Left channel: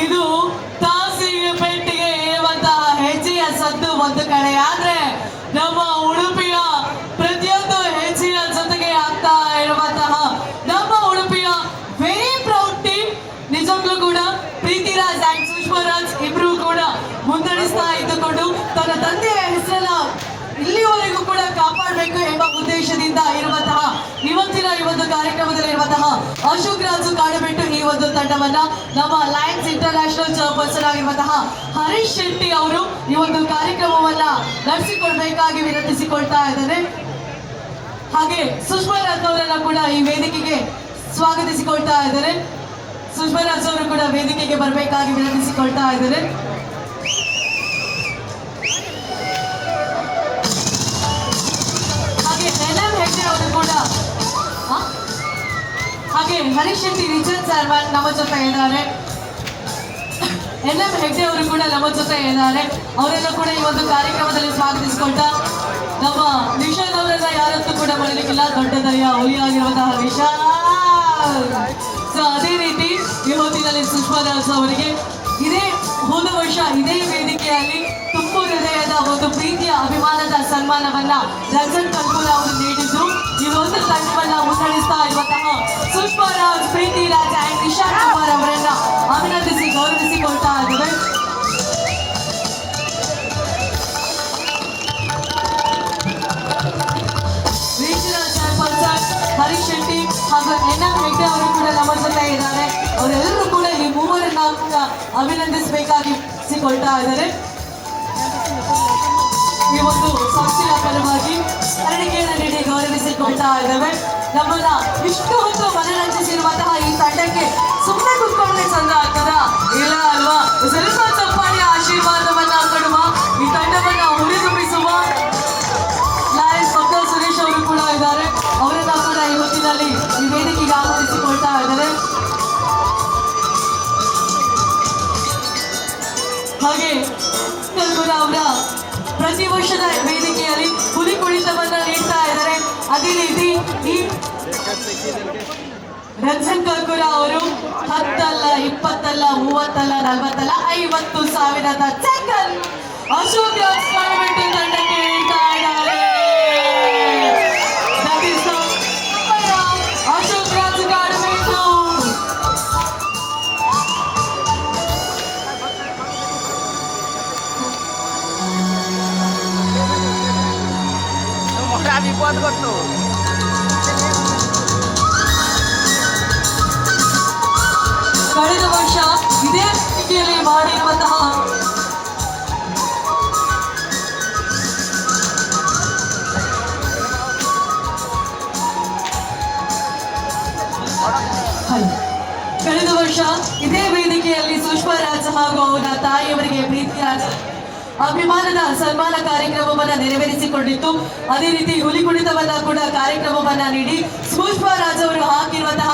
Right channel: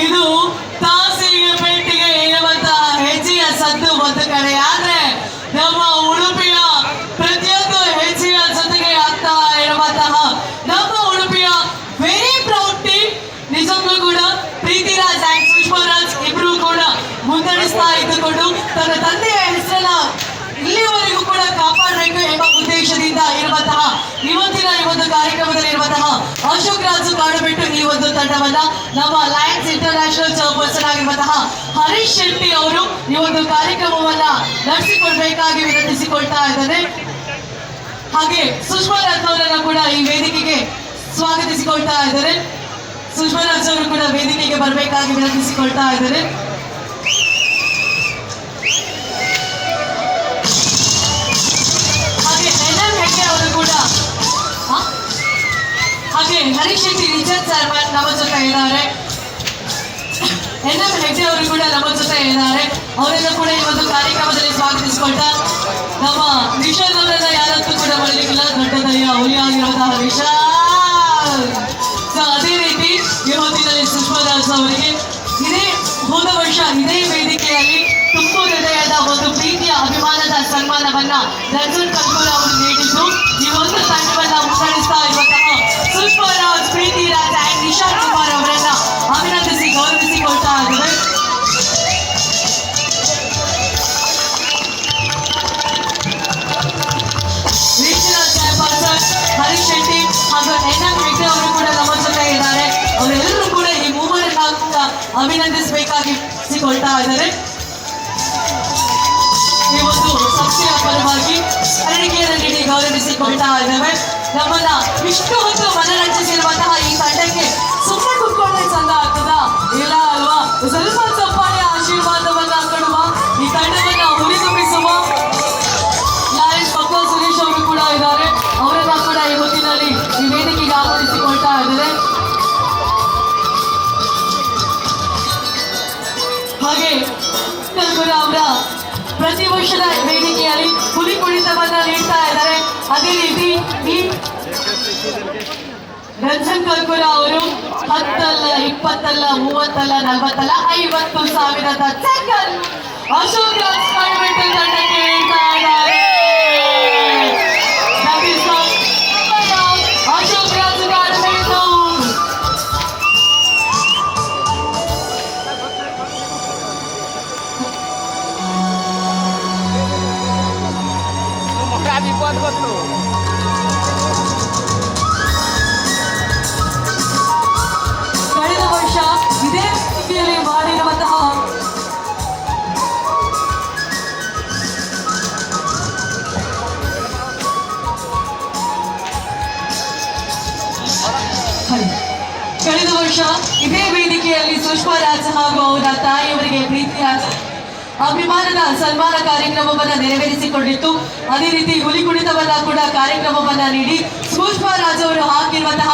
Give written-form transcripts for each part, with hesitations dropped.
ಇದು ತಾಸಿಗೆ ಪೆಟ್ಟಿಗೆ ಇರುವಂತಹ ಹೆಚ್ಚಿನ ಸದ್ದು ಒಂದು ಕಡೆ ಆದ್ರೆ ನಮ್ಮ ಉಡುಪಿಯ ಪ್ರತಿಯೊಂದು ಹೆಚ್ಚಿನ ಜೊತೆಗೆ ಆಗ್ತಾ ಇರುವಂತಹ ನಮ್ಮ ಉಡುಪಿಯ ವೆರಿ ಪ್ರೌಡ್ ಟೀಮ್ ನಿಜಕ್ಕೂ ಕೂಡ ಪ್ರೀತಿರಾಜ್ ಅಂಡ್ ಸುಷ್ಮರಾಜ್ ಇಬ್ರು ಕೂಡ ಮುನ್ನಡೆಸ್ತಾ ಇದ್ದುಕೊಂಡು ತನ್ನ ತಂದೆಯ ಹೆಸರನ್ನ ಇಲ್ಲಿವರೆಗೂ ಕೂಡ ಕಾಪಾಡಬೇಕು ಎಂಬ ಉದ್ದೇಶದಿಂದ ಇರುವಂತಹ ಇವತ್ತಿನ ಈ ಒಂದು ಕಾರ್ಯಕ್ರಮದಲ್ಲಿ ಇರುವಂತಹ ಅಶೋಕ್ ರಾಜು ಕಾಡುಬಿಟ್ಟು ಈ ಒಂದು ತಂಡವನ್ನ ನಮ್ಮ ಲಯನ್ಸ್ ಇಂಟರ್ನ್ಯಾಷನಲ್ ಚೇರ್ಪರ್ಸನ್ ಆಗಿರುವಂತಹ ಹರೀಶ್ ಶೆಟ್ಟಿ ಅವರು ಈ ಒಂದು ಕಾರ್ಯಕ್ರಮವನ್ನ ನಡೆಸಿಕೊಡ್ಬೇಕಾಗಿ ವಿನಂತಿಸಿಕೊಳ್ತಾ ಇದ್ದಾರೆ. ಹಾಗೆ ಸುಷ್ಮರಾಜ್ ಅವರನ್ನ ಕೂಡ ಈ ವೇದಿಕೆಗೆ ಸ್ವಾಗತಿಸಿಕೊಳ್ತಾ ಇದ್ದಾರೆ. ಸುಷ್ಮರಾಜ್ ಅವರು ಕೂಡ ವೇದಿಕೆಗೆ ಬರಬೇಕಾಗಿ ವಿನಂತಿಸಿಕೊಳ್ತಾ ಇದ್ದಾರೆ. ಹಾಗೆ ಹರೀಶ್ ಶೆಟ್ಟಿ ರಿಚರ್ಡ್ ಸರ್ ನಮ್ಮ ಜೊತೆ ಇದ್ದಾರೆ. NM ಹೆಗ್ಡೆ ಅವರು ಕೂಡ ನಮ್ಮ ಜೊತೆ ಇದ್ದಾರೆ. ಅವರೆಲ್ಲ ಕೂಡ ಈ ಒಂದು ಕಾರ್ಯಕ್ರಮದಲ್ಲಿ ಸ್ವಾಗತಿಸಿಕೊಳ್ತಾ ನಮ್ಮ ನಿಷಾದ್ ಅವರೆಲ್ಲ ಯಾರತ್ತೂ ಕೂಡ ಮಾಡಲಿಕ್ಕಿಲ್ಲ, ದೊಡ್ಡದಯ್ಯ ಹುಲಿಯಾಗಿರುವಂತಹ ನಿಷಾದ್. ಸೊ ಅದೇ ರೀತಿ ಇವತ್ತಿನಲ್ಲಿ ಸುಷ್ಮರಾಜ್ ಅವರಿಗೆ ಹೋದ ವರ್ಷ ಇದೇ ವೇದಿಕೆಯಲ್ಲಿ ತುಂಬು ಹೃದಯದ ಒಂದು ಪ್ರೀತಿಯ ಅಭಿಮಾನದ ಸನ್ಮಾನವನ್ನ ರಂಜನ್ ಕಲ್ಕೂರ್ ಅವರು ನೀಡಿದ್ದು ಈ ಒಂದು ತಂಡವನ್ನ ಮುನ್ನಡೆಸ್ತಾ ಇರುವಂತಹ ಸುಷ್ಮರಾಜ್, ಪ್ರೀತಿರಾಜ್ ಅಂಡ್ ನಿಶಾಂತ್ ಕುಮಾರ್ ಅವರನ್ನ ಅಭಿನಂದಿಸಿ ಗೌರವಿಸಿಕೊಳ್ತಾ ಇದ್ದಾರೆ. ರೀಜನಲ್ ಚೇರ್ಪರ್ಸನ್ ಹರೀಶ್ ಶೆಟ್ಟಿ ಹಾಗೂ NM ಹೆಗ್ಡೆ ಅವರು ಕೂಡ ನಮ್ಮ ಜೊತೆ ಇದ್ದಾರೆ. ಅವರೆಲ್ಲರೂ ಕೂಡ ಈ ಮೂವರನ್ನ ಕೂಡ ಅಭಿನಂದಿಸಬೇಕಾಗಿಸಿಕೊಳ್ತಾ ಇದ್ದಾರೆ. ಈ ಒಂದು ಸಂಸ್ಥೆಯ ಪರವಾಗಿ ಸ್ಮರಣಿಕೆಯನ್ನು ನೀಡಿ ಗೌರವಿಸಿಕೊಳ್ತಾ ಇದ್ದೇವೆ. ನಮ್ಮನ್ನ ಇಷ್ಟು ಹೊತ್ತು ಮನರಂಜಿಸಿರುವಂತಹ ಈ ತಂಡಕ್ಕೆ ಸುಮ್ಮನೆ ಕುತ್ಕೊಂಡ್ರೆ ಚಂದ ಆಗ್ತದ ಇಲ್ಲ ಅಲ್ವಾ? ಸ್ವಲ್ಪ ಚಪ್ಪಾಳಿಯ ಆಶೀರ್ವಾದವನ್ನ ಕೊಡುವ, ಈ ತಂಡವನ್ನ ಹುರಿದುಂಬಿಸುವ ಲಯನ್ಸ್ ಪಕ್ಕ ಸುರೇಶ್ ಅವರು ಕೂಡ ಇದ್ದಾರೆ. ಅವರೆಲ್ಲ ಕೂಡ ಈ ಹೊತ್ತಿನಲ್ಲಿ ಈ ವೇದಿಕೆಗೆ ಆಹ್ವಾನಿಸಿಕೊಳ್ತಾ ಇದ್ದಾರೆ. ಹಾಗೆ ಕಲ್ಕುರ ಅವರ ಪ್ರತಿ ವರ್ಷದ ವೇದಿಕೆಯಲ್ಲಿ ಹುಲಿ ಕುಣಿತವನ್ನ ನೀಡ್ತಾ ಇದ್ದಾರೆ. ಅದೇ ರೀತಿ ಈ ರಂಜನ್ ಕಲ್ಕುರ ಅವರು 10 ಅಲ್ಲ 20 ಅಲ್ಲ 30 ಅಲ್ಲ 40 ಅಲ್ಲ 50,000 ಸೆಕೆಂಡ್ ಅಶೋಕ್ ರಾಜ್ ಕಾಡುಬಿಟ್ಟು ತಂಡಕ್ಕೆ ನೀಡ್ತಾ ಇದ್ದಾರೆ. ಅಶೋಕ್ ರಾಜ್ ಕಾಡುಬಿಟ್ಟು বিপদ করতো। ಕಳೆದ ವರ್ಷ ಇದೇ ವೇದಿಕೆಯಲ್ಲಿ ಮಾಡಿರುವಂತಹ ಕಳೆದ ವರ್ಷ ಇದೇ ವೇದಿಕೆಯಲ್ಲಿ ಸುಷ್ಮರಾಜ್ ಹಾಗೂ ಅವರ ತಾಯಿಯವರಿಗೆ ಪ್ರೀತಿಯಾದ ಅಭಿಮಾನದ ಸನ್ಮಾನ ಕಾರ್ಯಕ್ರಮವನ್ನ ನೆರವೇರಿಸಿಕೊಂಡಿತ್ತು. ಅದೇ ರೀತಿ ಹುಲಿ ಕುಣಿತವನ್ನ ಕೂಡ ಕಾರ್ಯಕ್ರಮವನ್ನ ನೀಡಿ ಸುಷ್ಮರಾಜ್ ಅವರು ಹಾಕಿರುವಂತಹ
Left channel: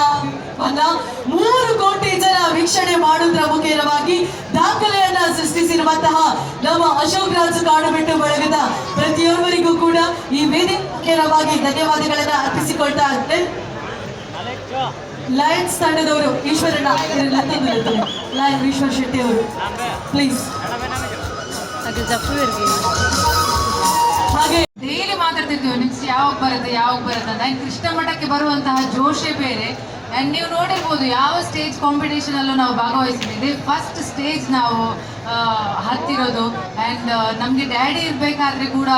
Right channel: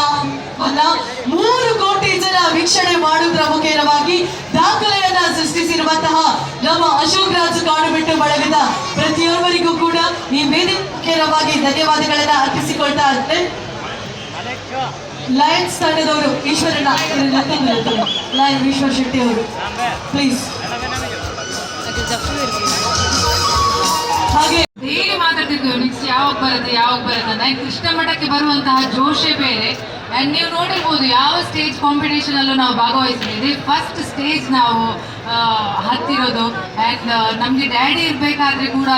3 ಕೋಟಿ ಜನ ವೀಕ್ಷಣೆ ಮಾಡುವುದರ ಮುಖೇನವಾಗಿ ದಾಖಲೆಯನ್ನ ಸೃಷ್ಟಿಸಿರುವಂತಹ ನಮ್ಮ ಅಶೋಕ್ ರಾಜ್ ಕಾಡುಬಿಟ್ಟು ಬಳಗದ ಪ್ರತಿಯೊಬ್ಬರಿಗೂ ಕೂಡ ಈ ವೇದಿಕೆಯವಾಗಿ ಧನ್ಯವಾದಗಳನ್ನ ಅರ್ಪಿಸಿಕೊಳ್ತಾ ಇದ್ದೆ. ಲಯನ್ಸ್ ತಂಡದವರು ಈಶ್ವರಣ್ಣ ಲಯನ್ ಈಶ್ವರ್ ಶೆಟ್ಟಿ ಅವರು ಪ್ಲೀಸ್. ಹಾಗೆ ಡೈಲಿ ಮಾತಾಡ್ತಿದ್ವಿ ನೆಕ್ಸ್ಟ್ ಯಾವಾಗ ಬರುತ್ತೆ ಅಂತ. ಕೃಷ್ಣ ಮಠಕ್ಕೆ ಬರುವಂತಹ ಜೋಶೇ ಬೇರೆ. ಆ್ಯಂಡ್ ನೀವು ನೋಡಿರ್ಬೋದು ಯಾವ ಸ್ಟೇಜ್ ಕಾಂಪಿಟೇಷನ್ ಅಲ್ಲೂ ನಾವು ಭಾಗವಹಿಸಿದ್ದೀವಿ. ಫಸ್ಟ್ ಸ್ಟೇಜ್ ನಾವು ಹತ್ತಿರೋದು. ಆ್ಯಂಡ್ ನಮಗೆ ಡ್ಯಾಡಿ ಇರಬೇಕಾದ್ರೆ ಕೂಡ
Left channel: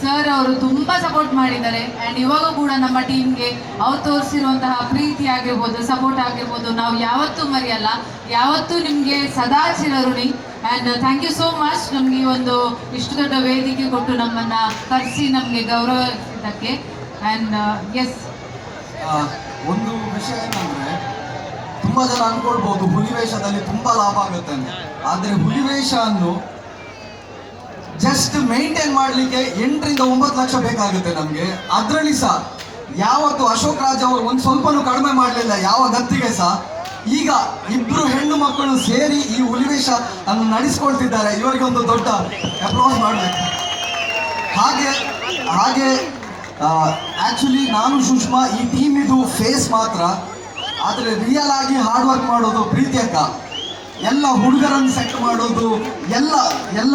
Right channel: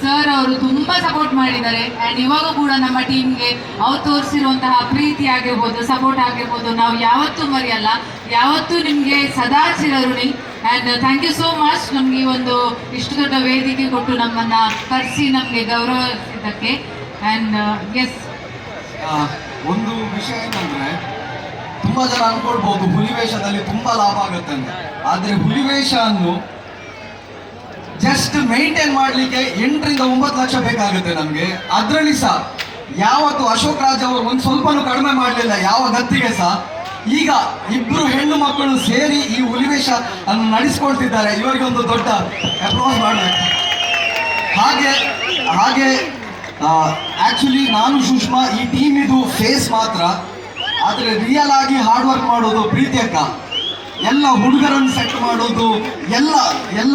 ಸರ್ ಅವರು ತುಂಬ ಸಪೋರ್ಟ್ ಮಾಡಿದ್ದಾರೆ. ಆ್ಯಂಡ್ ಇವಾಗ ಕೂಡ ನಮ್ಮ ಟೀಮ್ಗೆ ಅವ್ರು ತೋರಿಸಿರುವಂತಹ ಪ್ರೀತಿ ಆಗಿರ್ಬೋದು, ಸಪೋರ್ಟ್ ಆಗಿರ್ಬೋದು, ನಾವು ಯಾವತ್ತೂ ಮರೆಯಲ್ಲ. ಯಾವತ್ತೂ ನಿಮಗೆ ಸದಾ ಚಿರಋಣಿ. And thank you so much ನಮಗೆ ಈ ಒಂದು ಇಷ್ಟು ದೊಡ್ಡ ವೇದಿಕೆ ಕೊಟ್ಟು ನಮ್ಮನ್ನು ಕರೆಸಿ ನಮಗೆ ಗೌರವಿಸಿದ್ದಕ್ಕೆ. ಆ್ಯಂಡ್ ಎಸ್, ಒಂದು ವಿಷಯ ಏನಂದ್ರೆ, ತುಂಬಾ ಜನ ಅನ್ಕೊಳ್ಬಹುದು ಹುಲಿವೇಷದಲ್ಲಿ ತುಂಬಾ ಲಾಭ ಆಗುತ್ತೆ ಅಂತ. ಆದ್ರೆ ಹುಲಿವೇಷವನ್ನು ಜಸ್ಟ್ ಮೇಂಟೈನ್ ಮಾಡ್ಲಿಕ್ಕೆ 8 ರಿಂದ 9 ಲಕ್ಷ ಬೇಕಾಗುತ್ತೆ ನಮ್ಗೆ. ಅದ್ರಲ್ಲಿ ಸಹ ಯಾವತ್ತು ಅಶೋಕ್ ರಾಜ್ ಅವರು ಒಂದ್ ಸ್ವಲ್ಪನೂ ಕಡಿಮೆ ಮಾಡಲಿಲ್ಲ ಯಾವ ಗತ್ತಿಗೆ ಸಹ. ಈಗ 2 ಹೆಣ್ಣು ಮಕ್ಕಳು ಸೇರಿ ಈ ಹುಲಿವೇಷ ಅನ್ನು ನಡೆಸ್ಕೊಳ್ತಿದ್ದಾರೆ. ಇವರಿಗೆ ಒಂದು ದೊಡ್ಡ ಅಪ್ಲಾಸ್ ಮಾಡಬೇಕು. ಹಾಗೆ ಆಕ್ಚುಲಿ ನಾನು ಸುಷ್ಮಾ ಈ ಟೀಮ್ ಇದು ಫೇಸ್ ಮಾತ್ರ. ಆದ್ರೆ ರಿಯಲ್ ಆಗಿ ಹಾರ್ಡ್ ವರ್ಕ್ ಮಾಡೋದು ಪ್ರೀತಿ ಅಕ್ಕ. ಎಲ್ಲ ಹುಡುಗರನ್ನು ಸೆಟ್ ಮಾಡೋದು ಎಲ್ಲ ಎಲ್ಲ